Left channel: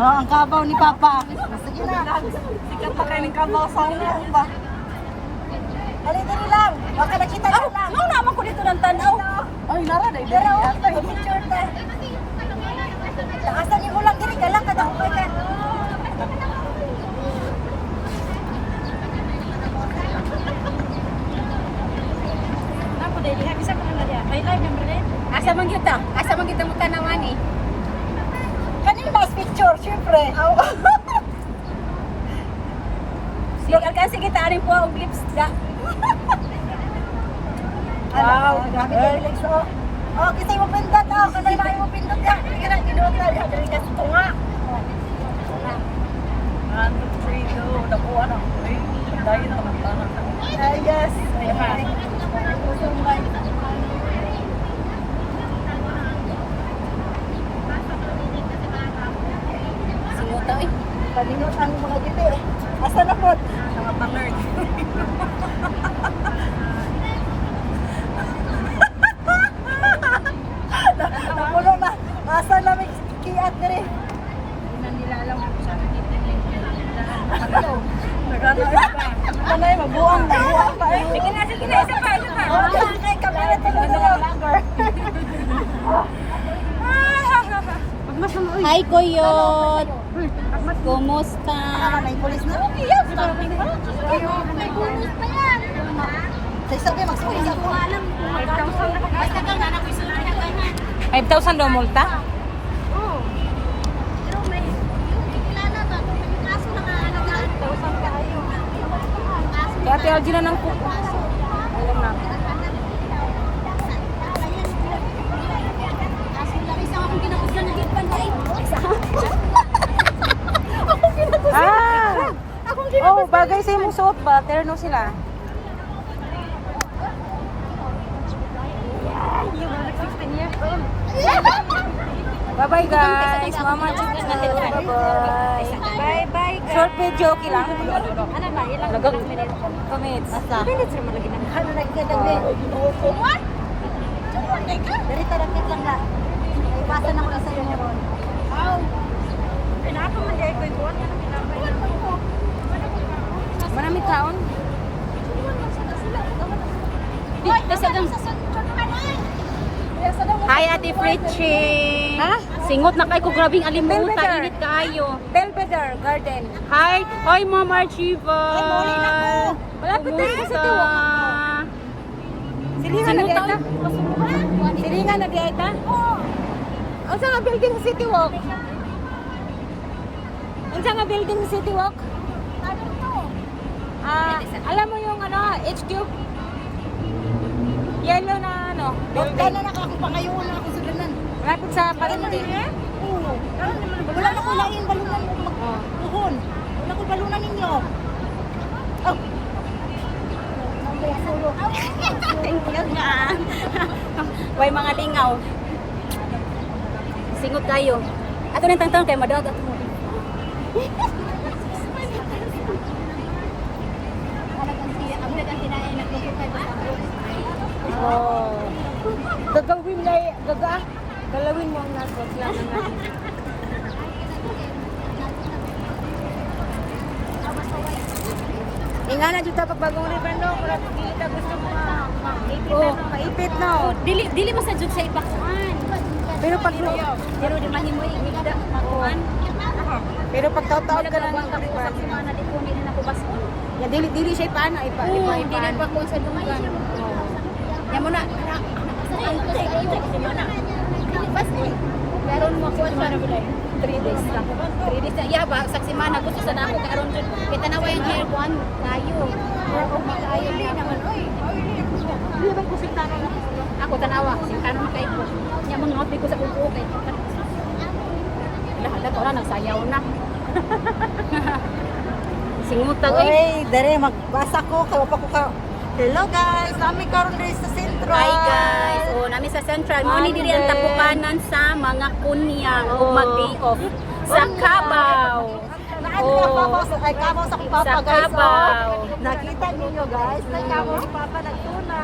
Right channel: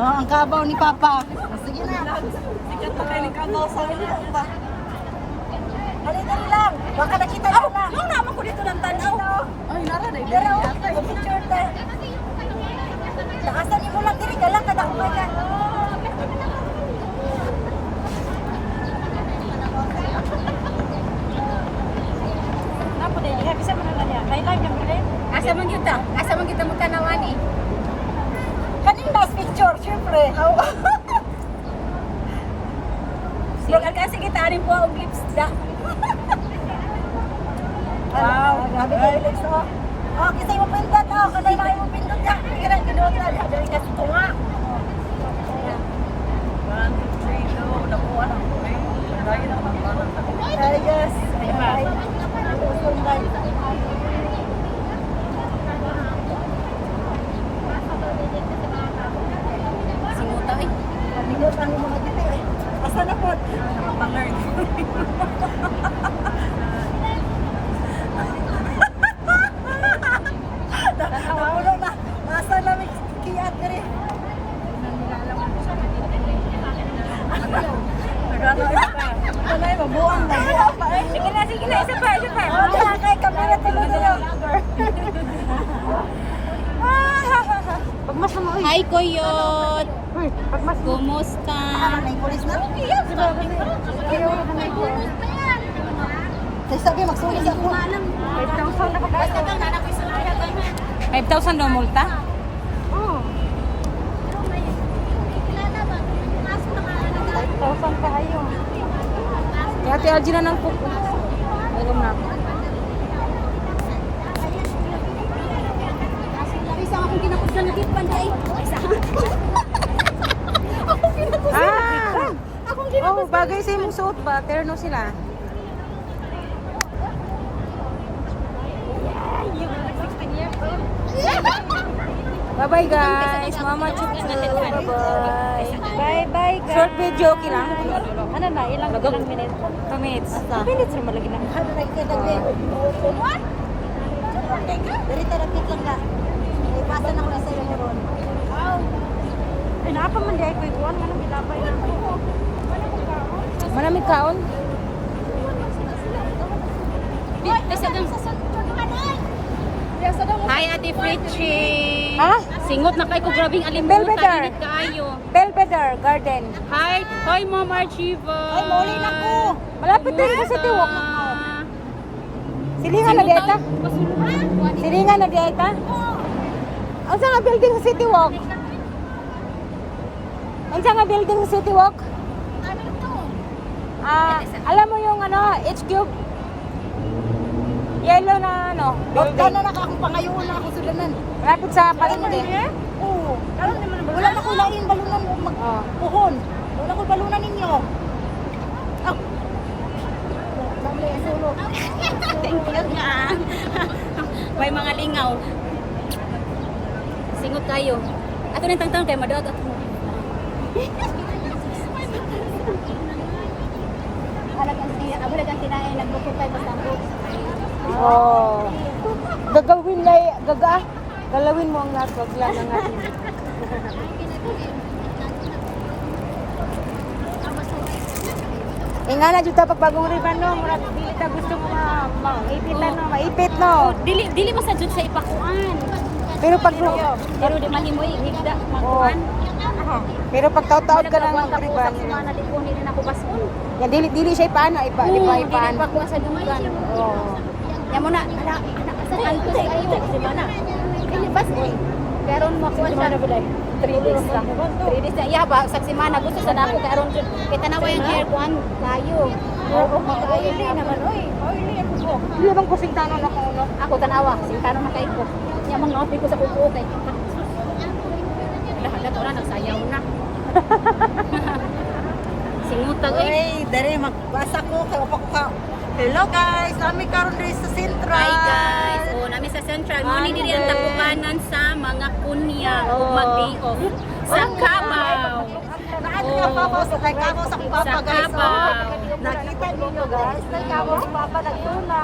Oh, ang kabaw ni Papa. Sige na. Sikat pa kayo ng kabaw sa ina ba? Dali, dali lang. Baka nakita niyo lang. Ano naman ko dito ng tanaw? Ay, nara na. Pero, picture ta. Takasan niyo lang diri galang kada kumay ka. Ako na. Ay, mo din. Asa man kita? Asa man kita mo tanawan eh? Kanina picture, syempre. Aw. Sig alkan sige ta aning po og lips da. Wow, grabe kayo legs oh. Oh, kisay mo pindot oh, kanay maay mo pindot ya. Kira kinuot na diha diri ka sa tunga. One, two, three, do. Nakuha na ko eh. Pandayin ako ng tanan na. Ay, yes. Ay, ay. Usong day. Simuta eh. Kaningot ang mga giti eh. Asa na po? Nakapalert. Napuno na. Asa na may kiat diri. Nagana eh pa. Kanay mabuang na buang pa eh. Sige na, sige na, isa pa, isa pa. Oh, diha kay kamera tulo tulo. Pagmas mo eh. Hi Koyot. Kumusta? Ah, may pulis na. Say sabi magsulit ako. 5,000 daw multa? Thousand pa ayo. Kaya ate Algie na ng kuko. Ayun na ako. Isa akong kinakusgan na gitban day. Isa. Ah! Oh, bagay ba? Terno sila. Bye-bye guys. Mama Chup Chup. Bye-bye. Bye-bye, guys. Short video, okay lang? Ano na, ilang ilang minutes na? 2 minutes. minutes na malagi. Oh. Lang na. Ay, napa man di ay ko ikuan nga nang gilabay na ako. Manamig kaon? Hi Ate Fritchie. Ha? Singot na kay ko grabing alimutan. Belvedere. Init kaayo. Belvedere Garden. Hi. Hi Mama Archiva. Ay, mauli na ko. Malapit din kasi Kumusta? tiwak ako. Silingan na diay ka? Silingan na diay ka? Oo. Ang sa nga building sa City Walk? Ang sa nga building sa City Walk? Alam mo yung ano, HQ? Yellow na ano, Building. building. na akong pangayon na ako sa danan. Lapit sa palengke. Oo. Wala na ko lang yung balunan mo magpuhon. Wala ko balunan ninyo. Oh. Thank you nga. May mga lingaw. Singot kayo. Ako nang tantang kay madot ako. Oh. Gagawin na, gaga. Galawin mo ang naso. Yan ang natin. Tingnan na dito pag bagong riban no. Kita gusto mo na maipit Oh. na, maipit no. Dili dili masajud sa ipakuan. Pero pag Pero di man himo igda. oh, pero pag taon ka lang ng riban. Ya dili dili siya ipaan na ipa ipa ipaan. pa sa dugan. Oh. Ya mo na na na ko sa mana. Dili bas eh. Pero mo ko mana bulay. 3 days lang. 3 days na iya ba sa semana gusto sa nako karon jud. Kita na way hair kuan kayo. Oo kayo di naman oy. Hindi bang kusintano na ko ba? Ako tanawa kasi tanong na kay ko. Nya man ngawat ko sa kuko kay. Lahat ko na nagsayaw na. Singutang eh. Ay, dere magbasa ko kay pa ko ka. Hello guys, nami karon diri sa Central. Hi guys! So, nami sa Central. Mani din ang tapukanan sa mga kunya o Oo. mag-day off. Sa Cabaw. Naan Oh. ka papa sa ay kabaw sa akong papa Sa guys. Oh. Nakita niyo guys, na kabaw si papa nagtuna.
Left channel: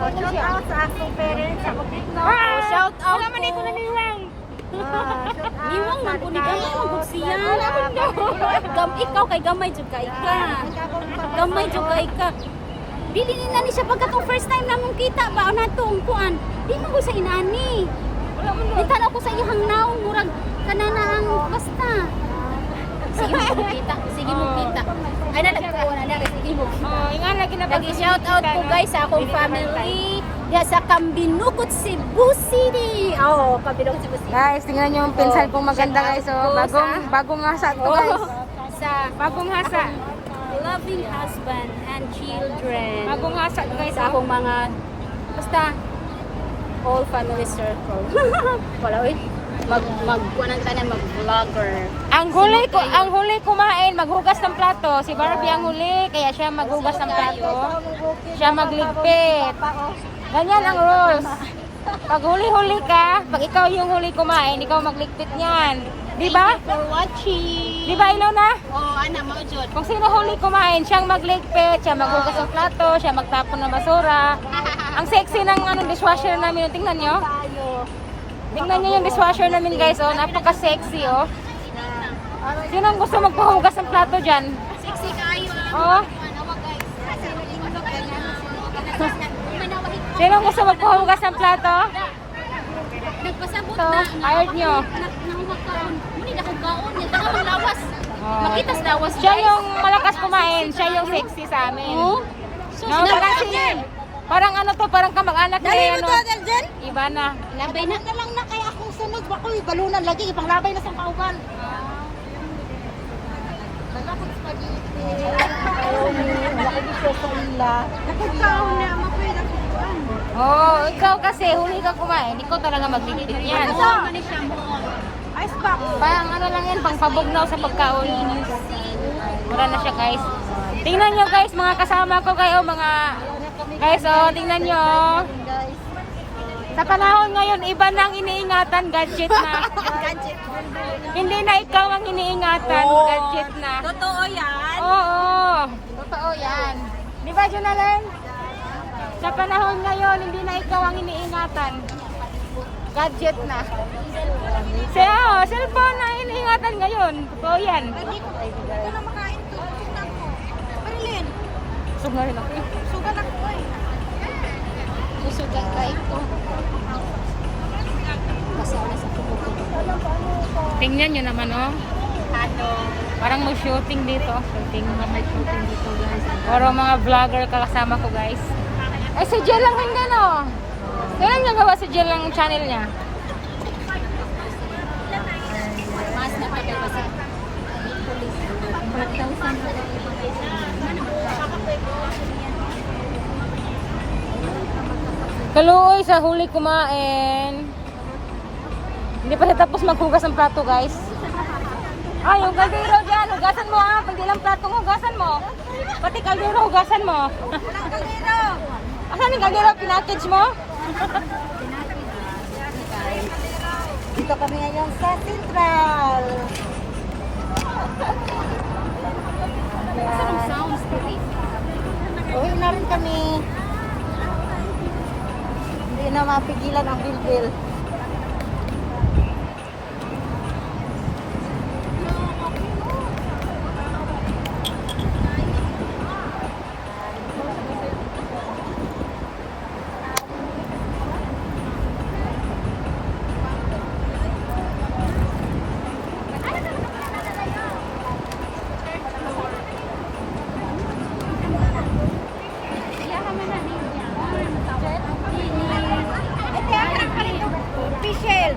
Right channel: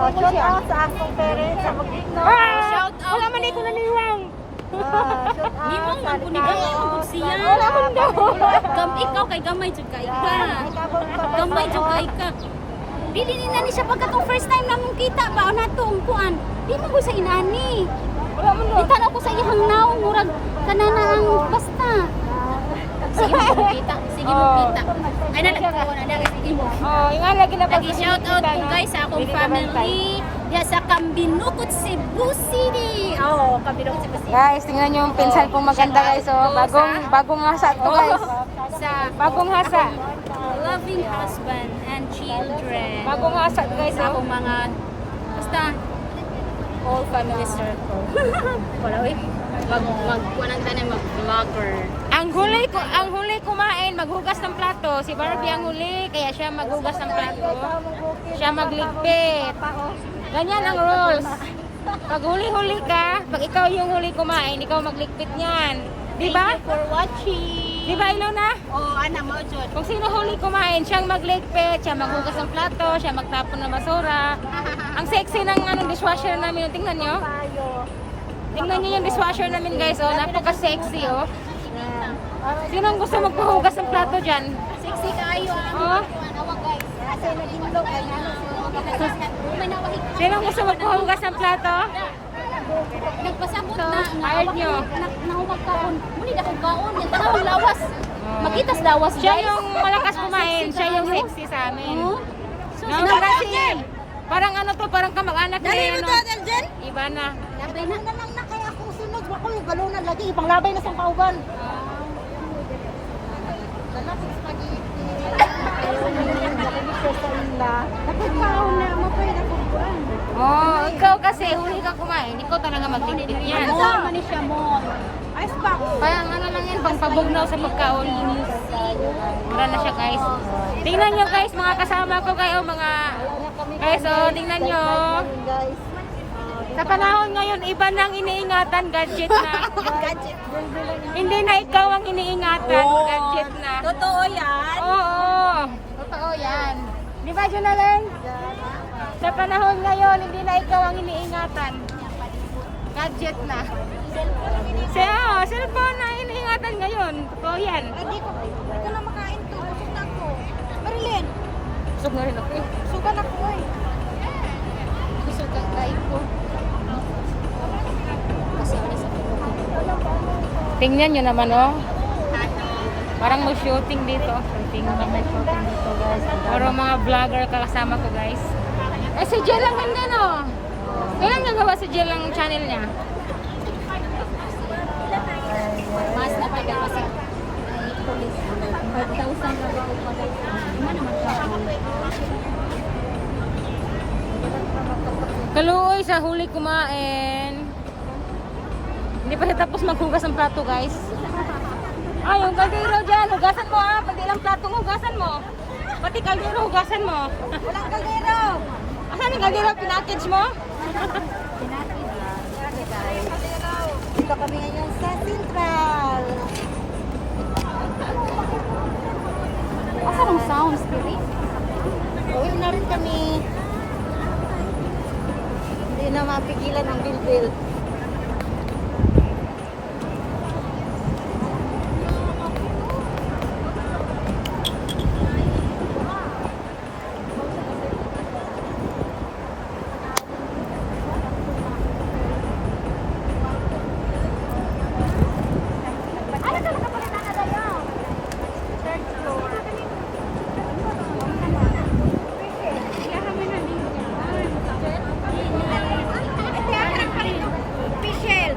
Oh, shout out sa akong parents sa Bukidnon. Shout out Wala man dito na nilang. Ah, sa man po ni Gamay magod siya. Gam ikaw kay gamay jud kay ka. Gamay jud kay ka. Dili ni nani siya pagkatong first time namong kita ba na to ang kuan. Di mo ko sa inani. Wala mo Di tanaw ko sa iyang naong murag kanana ang basta. Sige mo kita. Sige mo kita. Ay na nagkuha na niya sige mo kita. Oh, ingan lagi na Lagi shout out po guys sa akong family. Ya sa Kambinukot Cebu City. Oh, Kambinukot Cebu City. Guys, tingnan niyo yung pinsan kong maganda guys. Oh, bagong bagong hasa to guys. Sa Bagong hasa. loving husband and children. Bagong hasa to guys. sa Oh. akong mga basta all family circle. Wala eh. Mag mag kuanan tanan mag vlogger. Ang huli ko, ang huli kumain, maghugas ng plato. Si Barbie ang huli, kaya siya maghugas ng plato. Siya magligpit. Ganyan ang rules. Pag huli-huli ka, pag ikaw yung huli kumain, ikaw magligpit niyan. Di ba? Thank you for watching. Di ba, ino na? Oh, ana mo jud. Kung sino huli kumain, siyang magligpit, siya maghugas ng plato, siya magtapon ng basura. Ang sexy ng ano, dishwasher namin. Tingnan nyo. Tingnan nyo yung dishwasher namin guys. Oh, napaka-sexy oh. Sino ang gusto magpahugas ng plato dyan? Sexy kayo. Oh. Kasi nag-inlog kayo. Sino ang gusto magpahugas ng plato? Nagpasabot So, na. ayod nyo. Nahumag kaon. Hindi na kong kaon. Hindi na kong lawas. Magkitas lawas Siya yung malakas kumain. Siya yung sexy sa amin. Oh. So, No, parang, parang ano to, parang kamag-anak Dali mo ano, to, Deljen? Iba na. labay na. Na lang na kaya akong sunod. Wako yung balunan lagi. Ipanglabay na sa kauban. Dala ko spaghetti. Oh, ikaw kasi, huli ka kumain. Ikaw talaga magbibigay yan. Ano to? Ano siya mo? Ice pack. Parang ano lang yan, pang pabugnaw sa pagkaon. Mura na siya guys. Tingnan nyo guys, mga kasama ko kayo, mga... Guys, oh, tingnan nyo. Guys. Sa panahon ngayon, iba nang iniingatan, gadget na. Gadget. Hindi na ikaw ang iniingatan, gadget na. Totoo yan. Oo, totoo yan. Di ba, Junalen? Sa panahon ngayon, hindi na ikaw ang iniingatan. Gadget na. Siya, oh, cellphone na iniingatan ngayon. Totoo yan. Hindi ko, ko na makain to. Busog na ako. Marilyn, Busog na rin ako eh. sugan ako eh. Gusto ka kay ko. Tingnan nyo naman, oh. Ato. Parang may shooting dito. Shooting na may shooting dito, guys. Puro mga vlogger kasama ko, guys. Eh, si Jill lang din oh. Kailan nagawa si Jill ang channel niya? Mas na pa kasi police. 4,000 na pa guys. Naman Kaluoy sa huli kumain. Hindi pa tapos maghugas ng plato, guys. Ah, yung kaldero dyan. Hugasan mo, ah. Pag ilang plato, hugasan mo. Pati kaldero, hugasan mo. Walang kaldero. Asan yung kaldero? Pinackage mo? Dito kami ngayon sa Central. Asa rong sounds eh? Uwi na rin kami. Hindi na mapigilan ang bilbil. Iyaha man na ni. Jet. Ate, ako ka rin Pisel.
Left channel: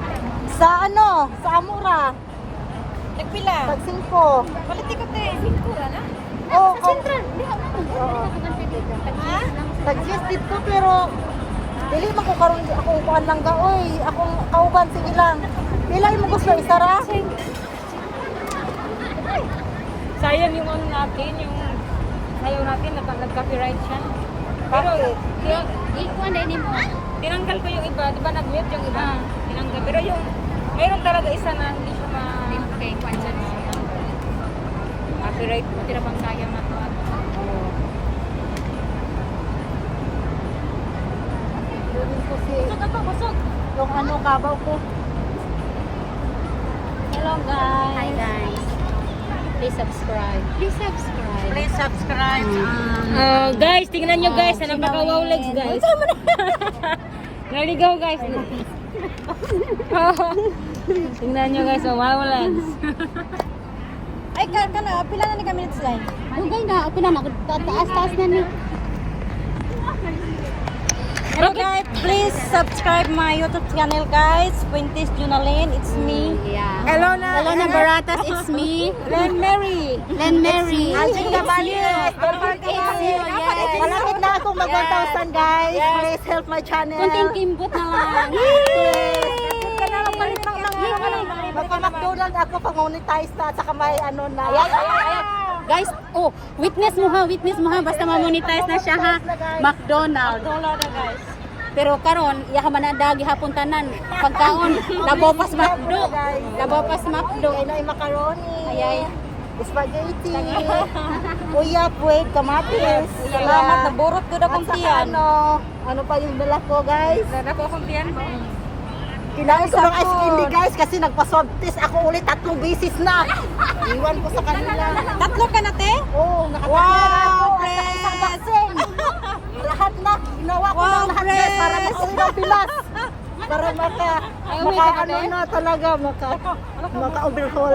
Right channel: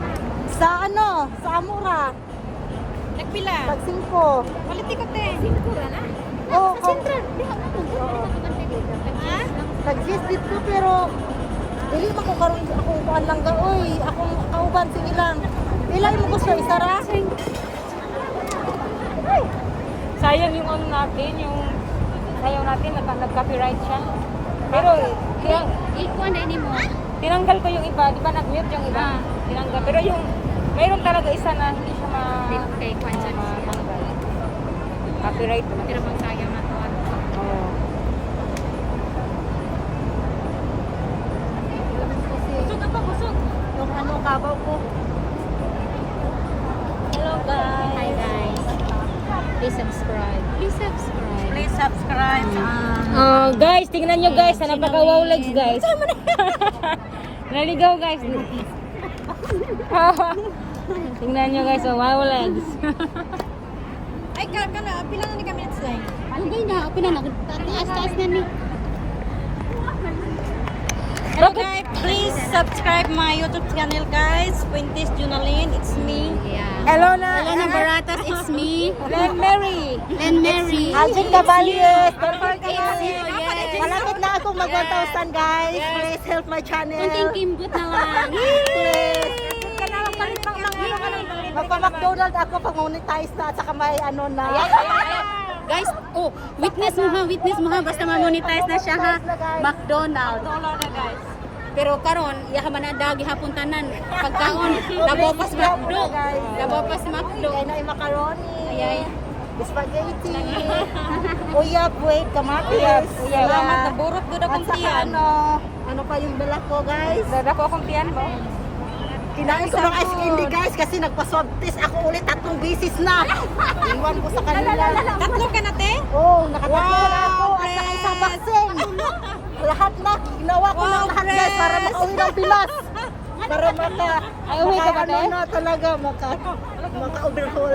Sa ano? Sa Amura. Nagpila? Nagsimpo. Paliti ka, te. Singko ra na. Oo. Sa Central. Di ka Ha? Nag-yes dito pero dili mo ko karon ako kuan lang ga oy akong kauban sige lang pila mo gusto isa ra Sayang yung ano natin, yung sayaw natin, nag- nag-copyright siya. Pero, Ikuan na ni mo. tinanggal ko yung iba, di ba nag-mute yung iba? Ah. Tinanggal. Pero yung, mayroon talaga isa na hindi siya ma... Okay, kuan siya. Copyright. Matira bang sayang na to. Oo. Busog ako busog yung ano kabaw ko Hi guys. Please subscribe. Please subscribe. Please subscribe. Um, Oh, guys, tingnan nyo guys, sa napaka-wow legs guys. Naligaw guys. tingnan nyo guys, oh, wow legs. ay, ka, ka na. Pila na ni kami next line? Okay na, okay na. Taas-taas na ni. Hello guys, please subscribe my YouTube channel guys. Quintis Junalyn, it's me. Yeah. Hello na. Hello na Baratas, it's me. Len Mary. Len Mary. Alvin Cabalies, Dolphin Cabalies. Malapit na ako mag 1,000 guys. Please help my Kunting channel. kimbot na. Please. Ka na magpalit ng mga ano ka lang. Magpa-McDonald ako pag monetize na at saka may ano na. Guys, oh, witness mo ha, witness mo ha, basta ma-monetize na siya ha. McDonald's. Dollar na guys. Pero karon, iya ka man dagi hapon tanan. Pagkaon, nabopas McDo. Nabopas McDo. Kaya na yung macaroni. Ayan. Spaghetti. Uyap, wait, kamatis. Yeah. Naburot ko At saka ano, ano pa yung dala ko guys? Dala ko kung tiyan mo. Kinain ko ng ice candy guys kasi nagpa-swab test ako ulit tatlong beses na. Iwan ko sa kanila. Tatlo ka na te? Oo, oh, nakatatlo na ako at saka isang vaccine. Lahat na, ginawa ko ng lahat guys para makauwi ng Pinas. Para maka, maka ano na talaga, maka, maka overhaul.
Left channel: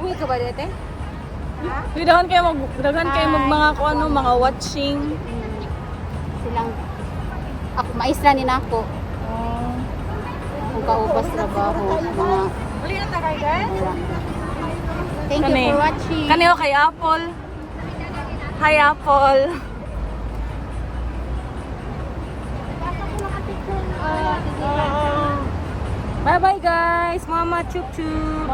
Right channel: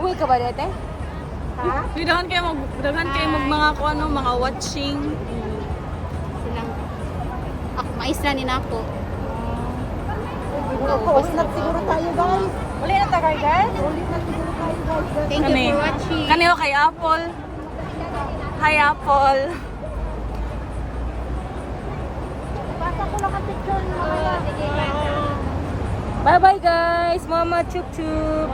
Uwi ka ba dito? Dagan kayo mag, dagan kayo mag mga ko ano, mga watching. Silang, ako, maisla ni nako. Kaubos na ba ako? Uli na tayo guys. Thank Kani. you for watching. Kaniyo kay Apple. Hi Apple. Bye-bye guys. Mama chup chup.